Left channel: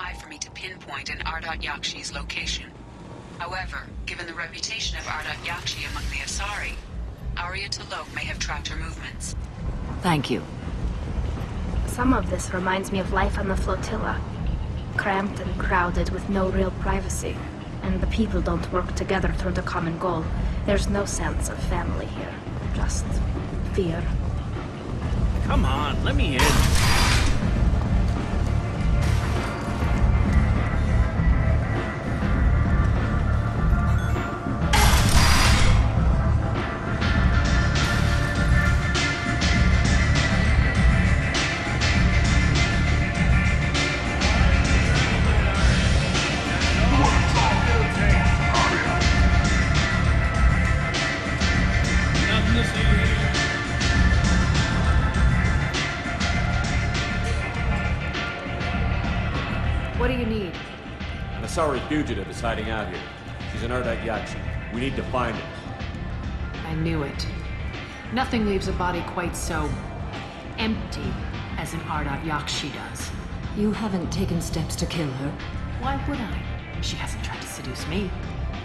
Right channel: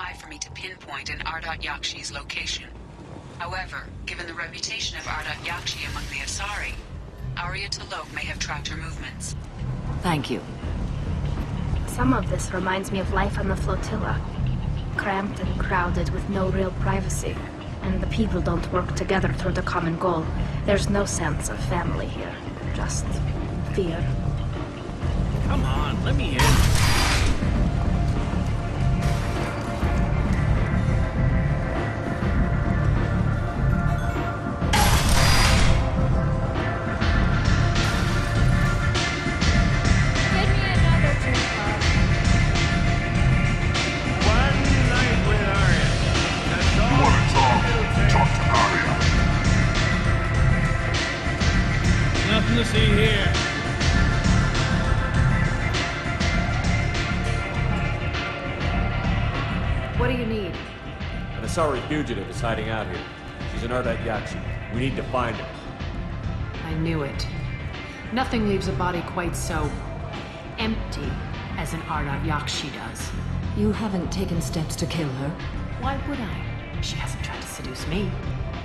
high for me to pinpoint an Ardat Yakshi's location. However, given the reputation of Ardat Yakshi among the Asari, Arya T'Loak may have tracked her movements. Thank you. Nothing to see here. What do you need? An Asari fugitive is hiding out here. She's an Ardat Yakshi. We need to find her. I knew it. Nothing leaves a body quite so empty as an Ardat Yakshi does. You haven't taken steps to kill her? Why would I? She hasn't tried to seduce me.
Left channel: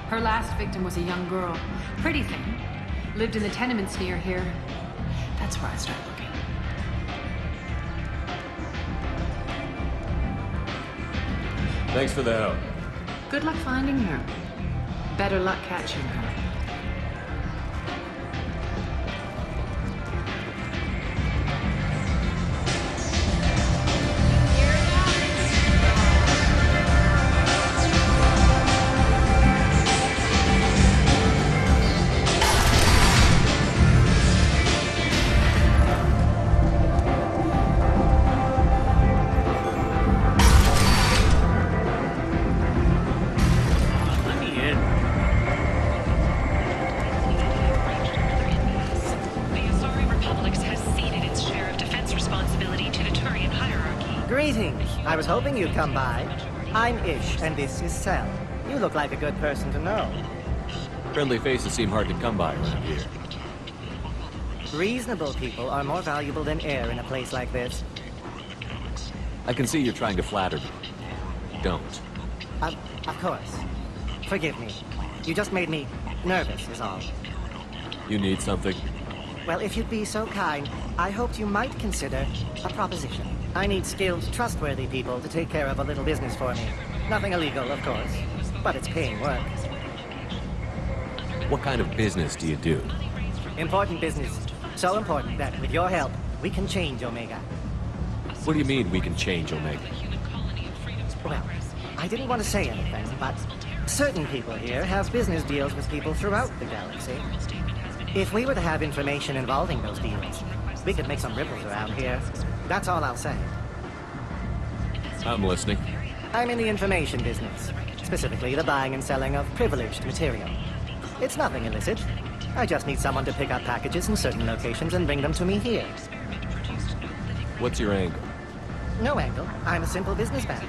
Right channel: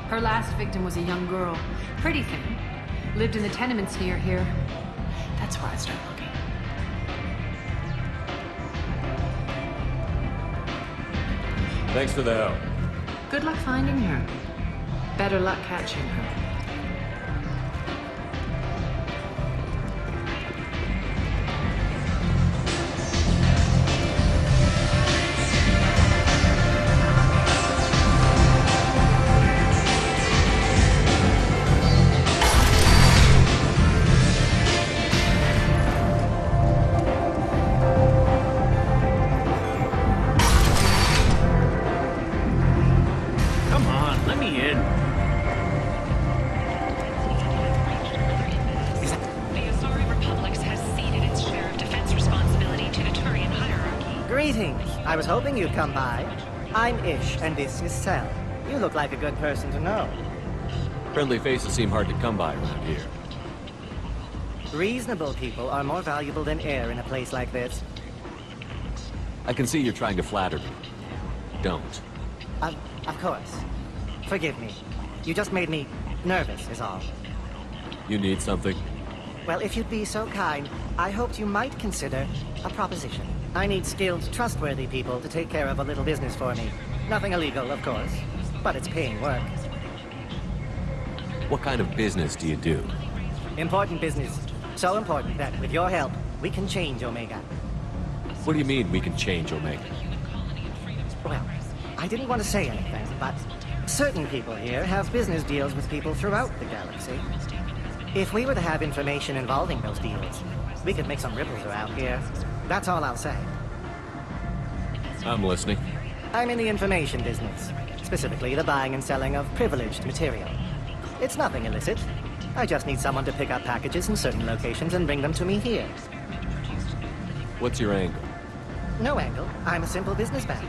Her last victim was a young girl. Pretty thing. Lived in the tenements near here. That's where I start looking. Thanks for the help. Good luck finding her. Better luck catching her. Greetings. I was hoping you'd come by. I'm Ish, and this is Sel. You look like a good person to know. Friendly faces seem hard to come by around here. Reasonable people are more valuable than air in a place like this. I can see you're trying to flatter me. Don't. Of course. Forgive me. You just made me nervous, is all. You need something? Well, if you'd be so kind, I hoped you might consider a proposition. I need skilled, trustworthy people to take care of a little business for me. Nothing illegal, of course, but it's paying work. What kind of business do you do? Important business. So important that, with your help, we can change Omega. What do you mean we can change Omega? Well, I didn't want to say anything, but certain people here have business deals with people throughout the galaxy. If we were to have information involving those deals, we could make some ripples around here. That's all I'll say. I'm listening. I'm in the information business, specifically the buying and selling of privileged material. It's nothing illicit. I just need someone to pick up packages in certain locations and bring them to me here. What's your angle? No angle. I'm a simple businessman.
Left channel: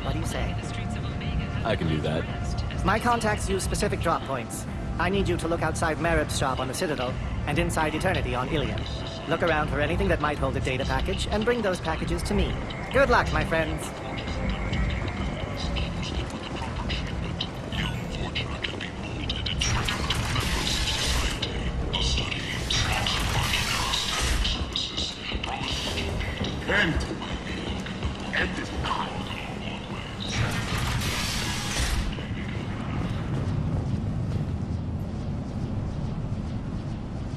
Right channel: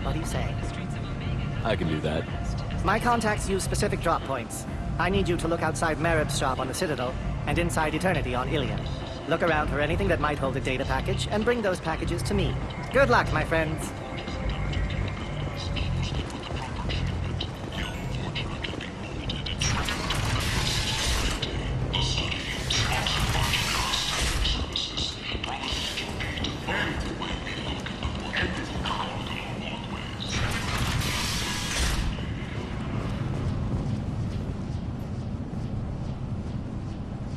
What do you say? I can do that. My contacts use specific drop points. I need you to look outside Merib's shop on the Citadel and inside Eternity on Ilium. Look around for anything that might hold a data package and bring those packages to me. Good luck, my friends.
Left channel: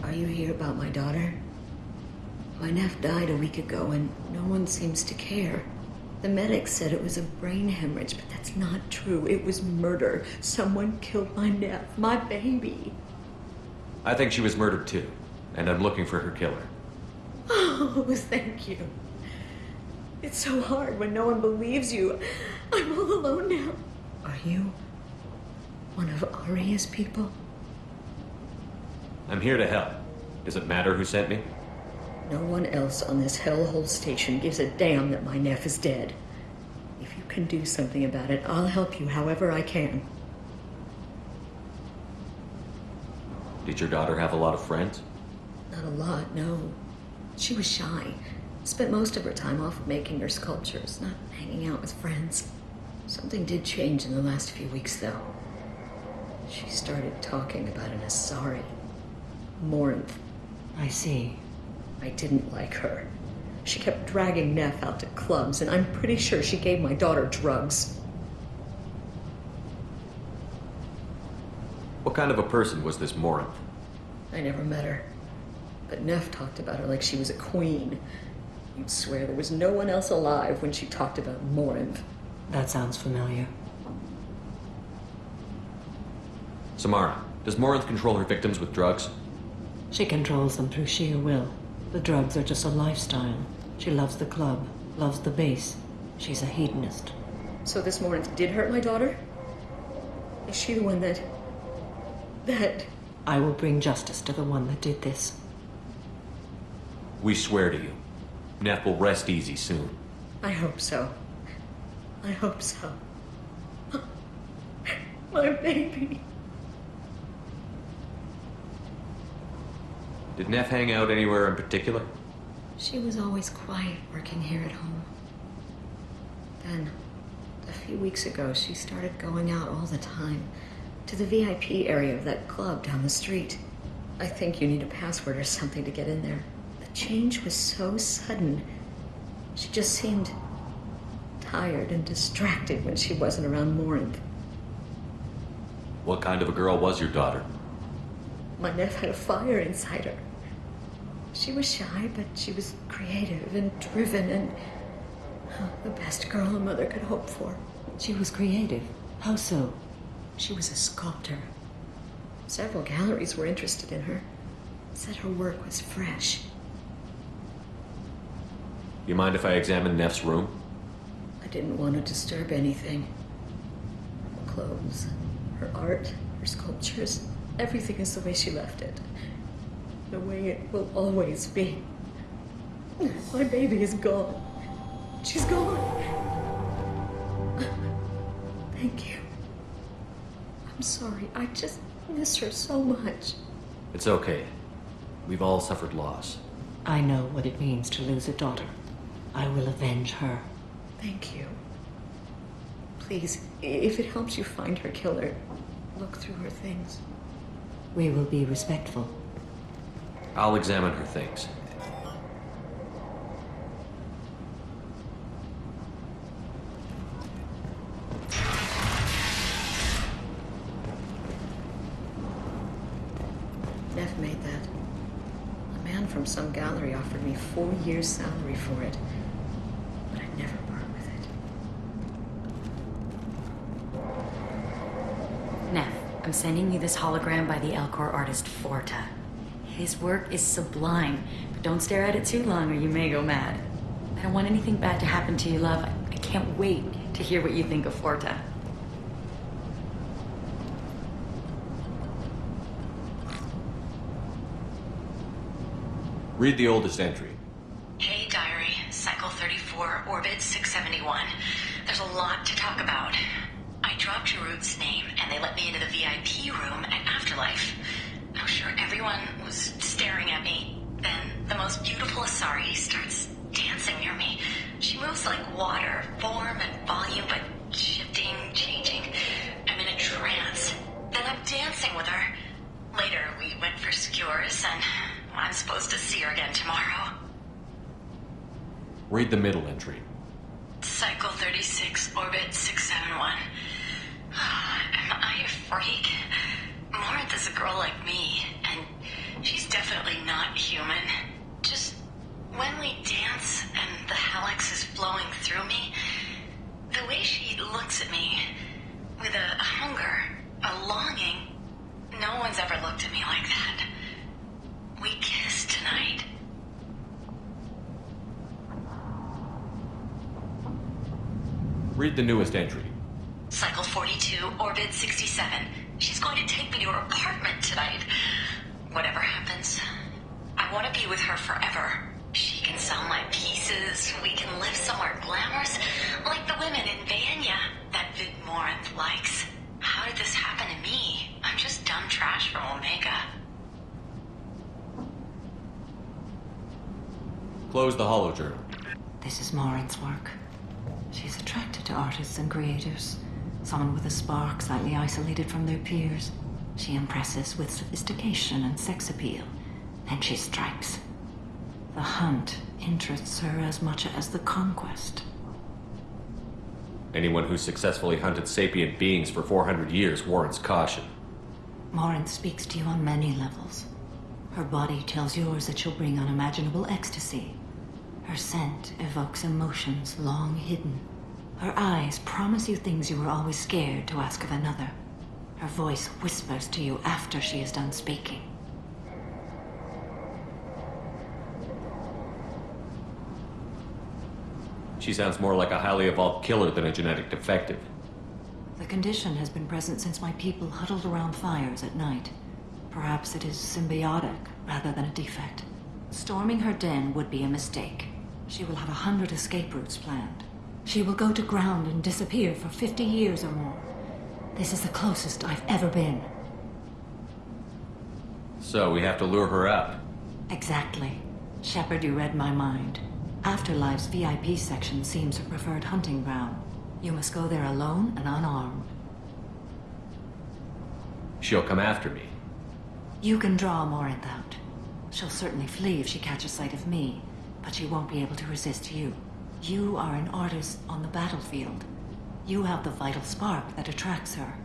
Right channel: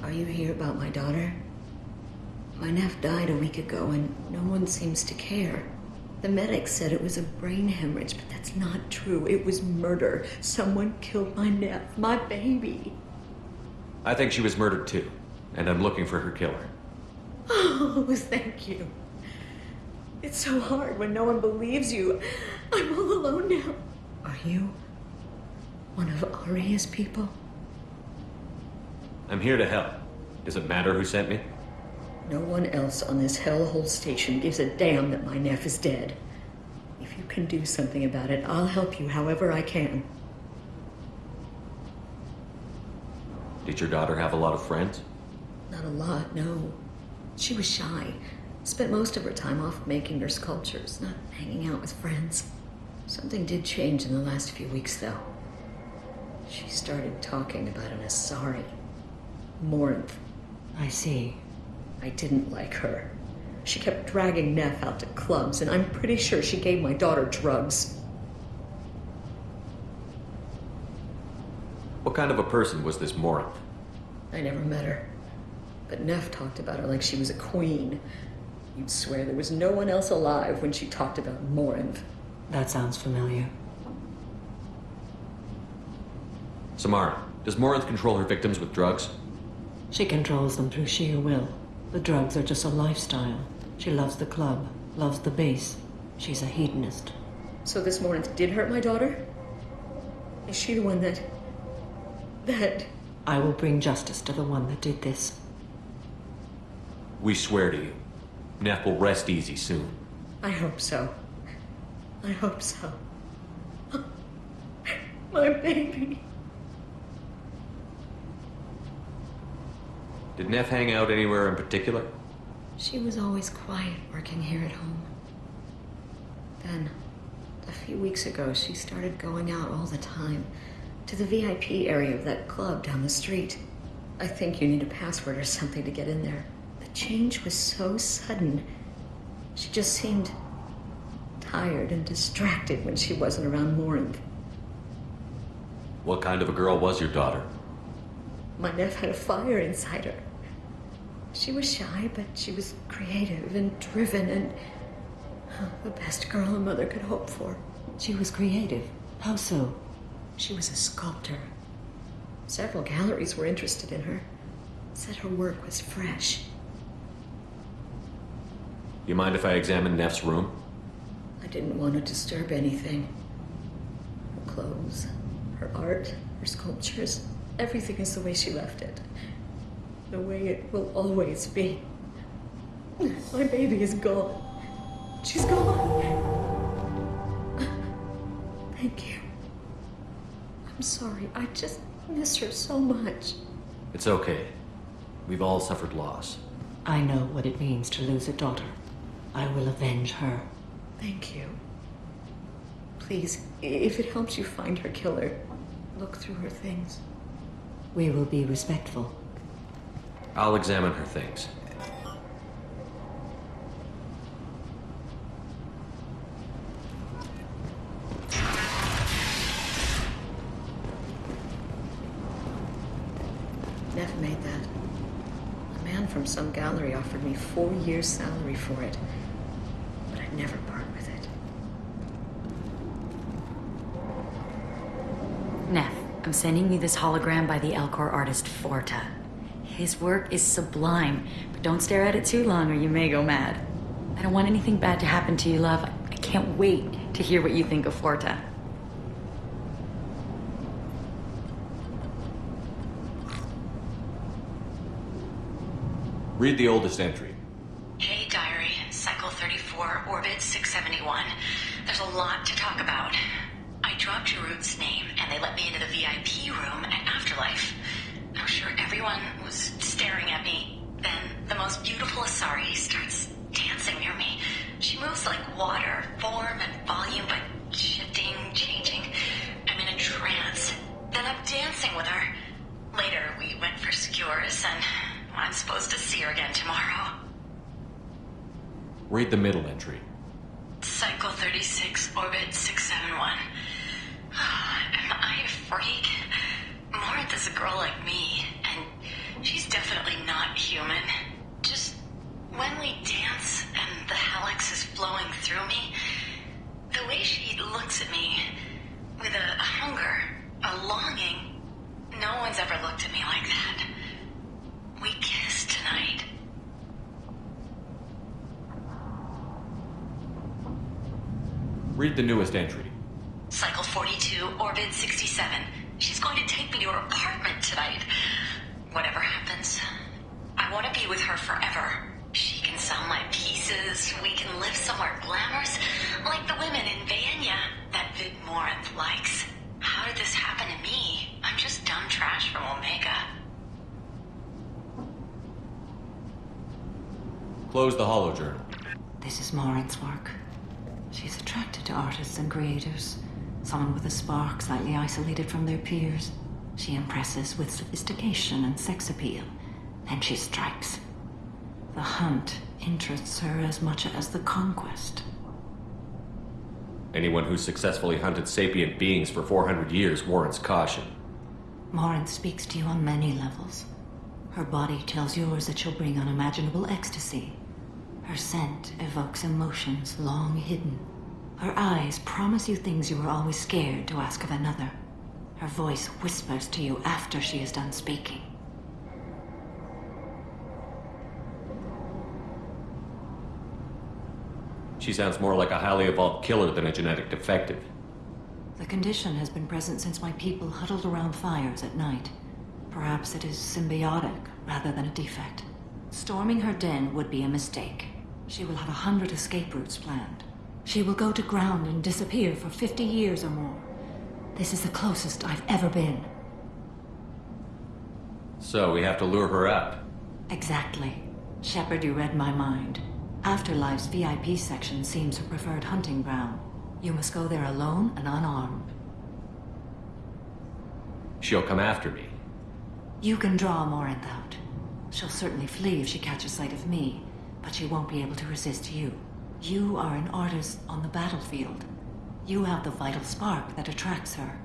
Are you here about my daughter? My nephew died a week ago and no one seems to care. The medics said it was a brain hemorrhage, but that's not true. It was murder. Someone killed my nephew, my baby. I think she was murdered too, and I'm looking for her killer. Oh, thank you. It's so hard when no one believes you. I'm all alone now. Are you one of Arya's people? I'm here to help. Does it matter who sent me? No one else on this hellhole station gives a damn that my nephew is dead. If you can do something about it, I'll help you however I can. Did your daughter have a lot of friends? Not a lot, no. She was shy. Spent most of her time off making her sculptures, not hanging out with friends. Something did change in the last few weeks, though. She started talking about an Asari. Morinth. I see. I didn't like her. She kept dragging Neff out to clubs, and I'm pretty sure she gave my daughter drugs. What kind of a person was this Morinth? I never met her. But Neff talked about her like she was a queen. You'd swear there was no one else alive when she talked about Morinth. That sounds familiar. Samara, does Morinth control her victims with drugs? She controls them through sheer will. The drugs are just a lifestyle. She loves the club, loves the base. She's a hedonist. So this Morinth did hurt my daughter? Is she the one that... I will bring justice to the one that did this. We swear to you. Neff will rest easy soon. I hope so. I hope so. My baby. Did Neff hang out anywhere in particular? She was always quiet working here at home. Then, a few weeks ago, she started going out all the time to the VIP area of that club down the street. I think you need a password or something to get in there. The change was so sudden. She just seemed tired and distracted when she wasn't around Morinth. What kind of a girl was your daughter? My Neff had a fire inside her. She was shy, but she was creative and driven and the best girl a mother could hope for. She was creative. How so? She was a sculptor. Several galleries were interested in her. Said her work was fresh. You mind if I examine Neff's room? I didn't want to disturb anything. Her clothes, her art, her sculptures, everything is the way she left it. The way it will always be. My baby is gone. She's gone. Thank you. I'm sorry. I just miss her so much. It's okay. We've all suffered loss. I know what it means to lose a daughter. I will avenge her. Thank you. Please, if it helps you find her killer, look through her things. We will be respectful. I'll examine her things. Neff, I'm sending you this hologram by the Elcor artist Forta. His work is sublime, but don't stare at it too long or you may go mad. I don't want anything bad to happen to you, love. I can't wait to hear what you think of Forta. Read the oldest entry. Hey, Diary. Cycle 34, Orbit 671. There's a lot to talk about. I dropped Jarut's name, and they let me into the VIP room at Afterlife. I was sure everyone was staring at me. Then the most beautiful Asari starts dancing near me. She moves like water, form and volume, but shifting, changing. I'm in a trance. Then I'm dancing with her. Later, we went for skewers, and I'm supposed to see her again tomorrow. Read the middle entry. Cycle 36, Orbit 671. Am I a freak? Morinth is a girl like me, and she's definitely not human. Just when we dance and the helix is flowing through me, the way she looks at me with a hunger, a longing, no one's ever looked at me like that. We kissed tonight. Read the newest entry. Cycle 42, Orbit 67. She's going to take me to her apartment tonight. Whatever happens, I want to be with her forever. She can sell my pieces. We can live somewhere glamorous, like the women in Vanya that Vid Morinth likes. How did this happen to me? I'm just dumb trash from Omega. Close the holojournal. This is Morinth's work. She's attracted to artists and creators. Someone with a spark, slightly isolated from their peers. She impresses with sophistication and sex appeal. Then she strikes. The hunt interests her as much as the conquest. Anyone who's successfully hunted sapient beings for 400 years warrants caution. Morinth speaks to you on many levels. Her body tells yours that she'll bring unimaginable ecstasy. Her scent evokes emotions long hidden. Her eyes promise you things you were always scared to ask of another. Her voice whispers to you after she is done speaking. She sounds more like a highly evolved killer than a genetic defective. The condition has been present since my people huddled around fires at night. Perhaps it is symbiotic rather than a defect. Storming her den would be a mistake. She will have 100 escape routes planned. She will go to ground and disappear for 50 years or more. This is the closest I've ever been. So we have to lure her out. Exactly. Shepard, you read my mind. Afterlife's VIP section seems her preferred hunting ground. You must go there alone and unarmed. She'll come after me. You can draw Morinth out. She'll certainly flee if she catches sight of me, but she won't be able to resist you. You are an artist on the battlefield. You have the vital spark that attracts her.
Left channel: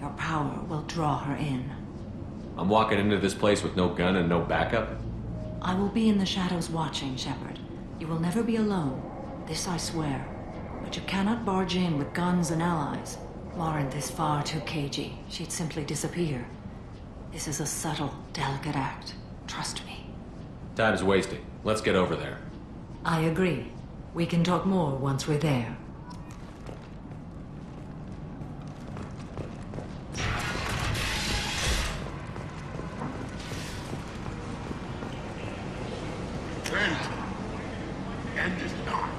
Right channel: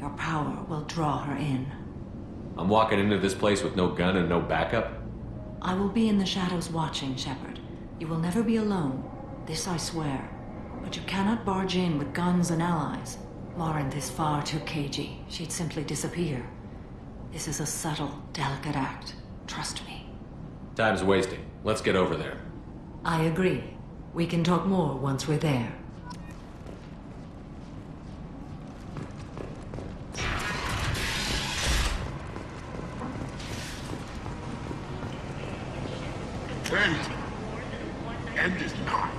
Your power will draw her in. I'm walking into this place with no gun and no backup? I will be in the shadows watching, Shepard. You will never be alone. This I swear. But you cannot barge in with guns and allies. Morinth is far too cagey. She'd simply disappear. This is a subtle, delicate act. Trust me. Time's wasting. Let's get over there. I agree. We can talk more once we're there. End is nigh.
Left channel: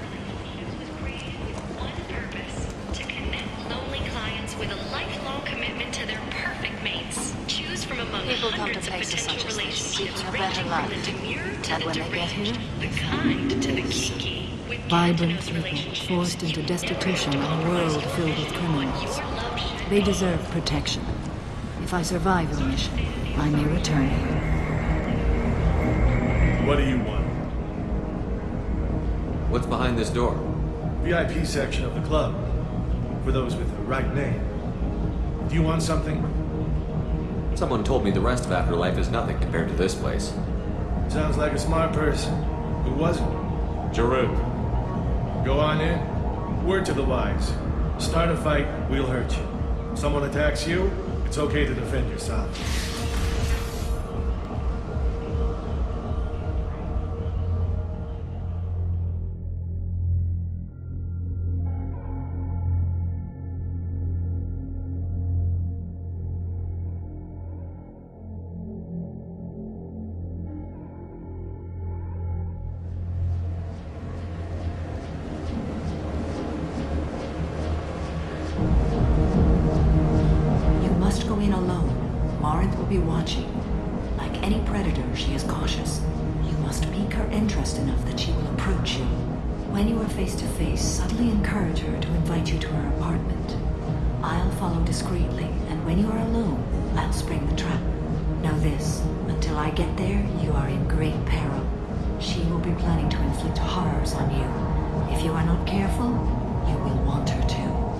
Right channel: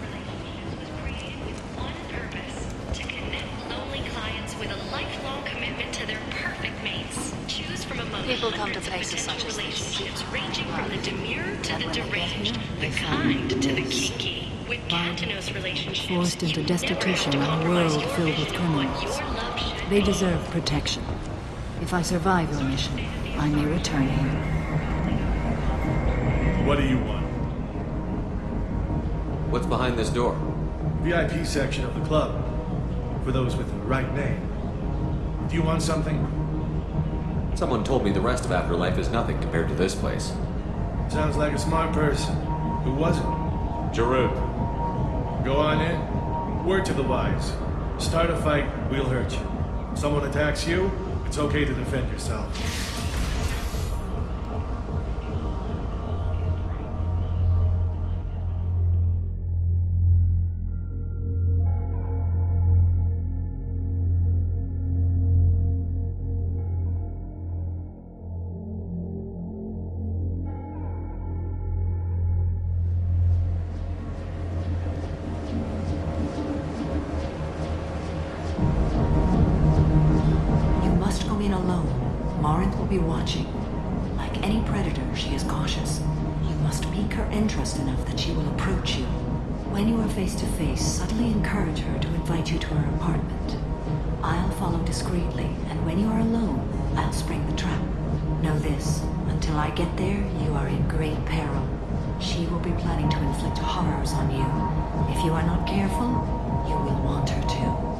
Relationships was created with one purpose: to connect lonely clients with a lifelong commitment to their perfect mates. Choose from among hundreds of potential relationships ranging from the demure to And the when they get here, deranged. they find this. With Vibrant. Gatineau's relationships, you never have to compromise your vision of what your love should be. What do you want? What's behind this door? VIP section of the club. For those with the right name. Do you want something? Someone told me the rest of Afterlife is nothing compared to this place. Sounds like a smart person. Who wasn't? Jarut. Go on in. Word to the wise. Start a fight, we'll hurt you. Someone attacks you, it's okay to defend yourself. You must go in alone. Morinth will be watching. Like any predator, she is cautious. You must pique her interest enough that she will approach you. When you are face to face, subtly encourage her to invite you to her apartment. I'll follow discreetly, and when you are alone, I'll spring the trap. Know this, until I get there, you are in great peril. She will be planning to inflict horrors on you. If you are not careful, you will want her to.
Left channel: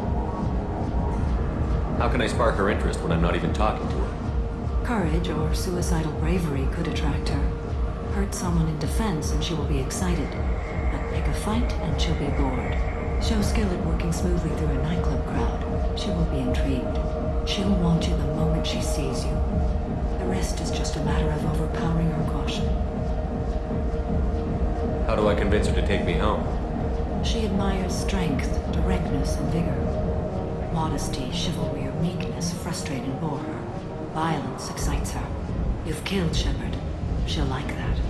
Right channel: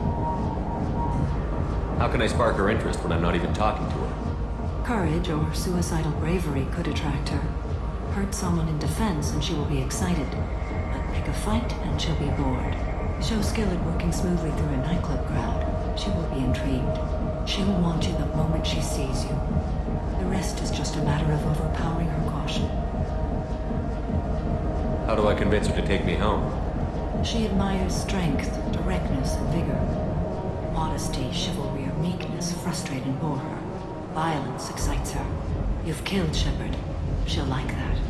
How can I spark her interest when I'm not even talking to her? Courage or suicidal bravery could attract her. Hurt someone in defense and she will be excited. But pick a fight and she'll be bored. Show skill at working smoothly through a nightclub crowd. She will be intrigued. She'll want you the moment she sees you. The rest is just a matter of overpowering her caution. How do I convince her to take me home? She admires strength, directness, and vigor. Modesty, chivalry, or meekness frustrate and bore her. Violence excites her. You've killed Shepard. She'll like that.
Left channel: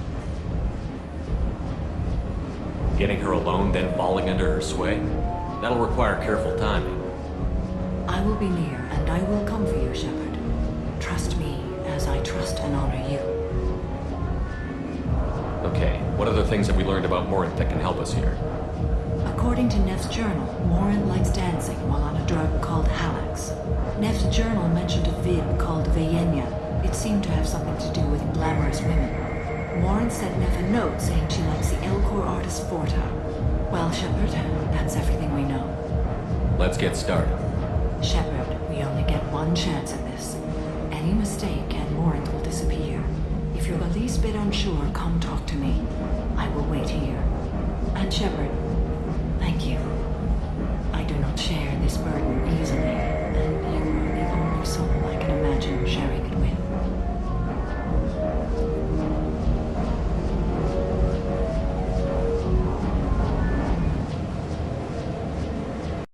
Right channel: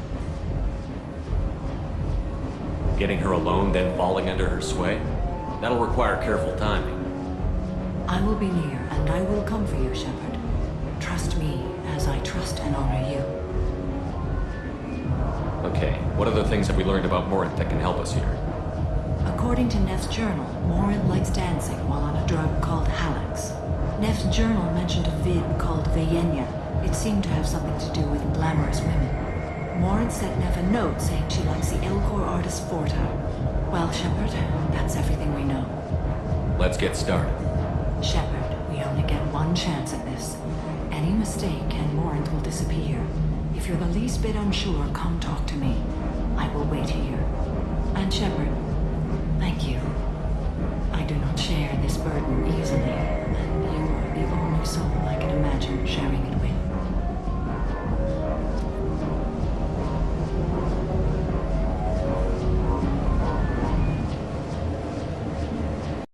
Getting her alone, then falling under her sway? That'll require careful timing. I will be near, and I will come for you, Shepard. Trust me, as I trust and honor you. Okay, what other things have we learned about Morinth that can help us here? According to Neff's journal, Morinth likes dancing while on a drug called Halax. Neff's journal mentioned a vid called Vayenya. It seemed to have something to do with glamorous women. Morinth sent Neff a note saying she likes the Elcor artist Forta. Well, Shepard, that's everything we know. Let's get started. Shepard, we only get one chance at this. Any mistake and Morinth will disappear. If you're the least bit unsure, come talk to me. I will wait here. And Shepard, thank you. I do not share this burden easily, and you are the only soul I can imagine sharing it with.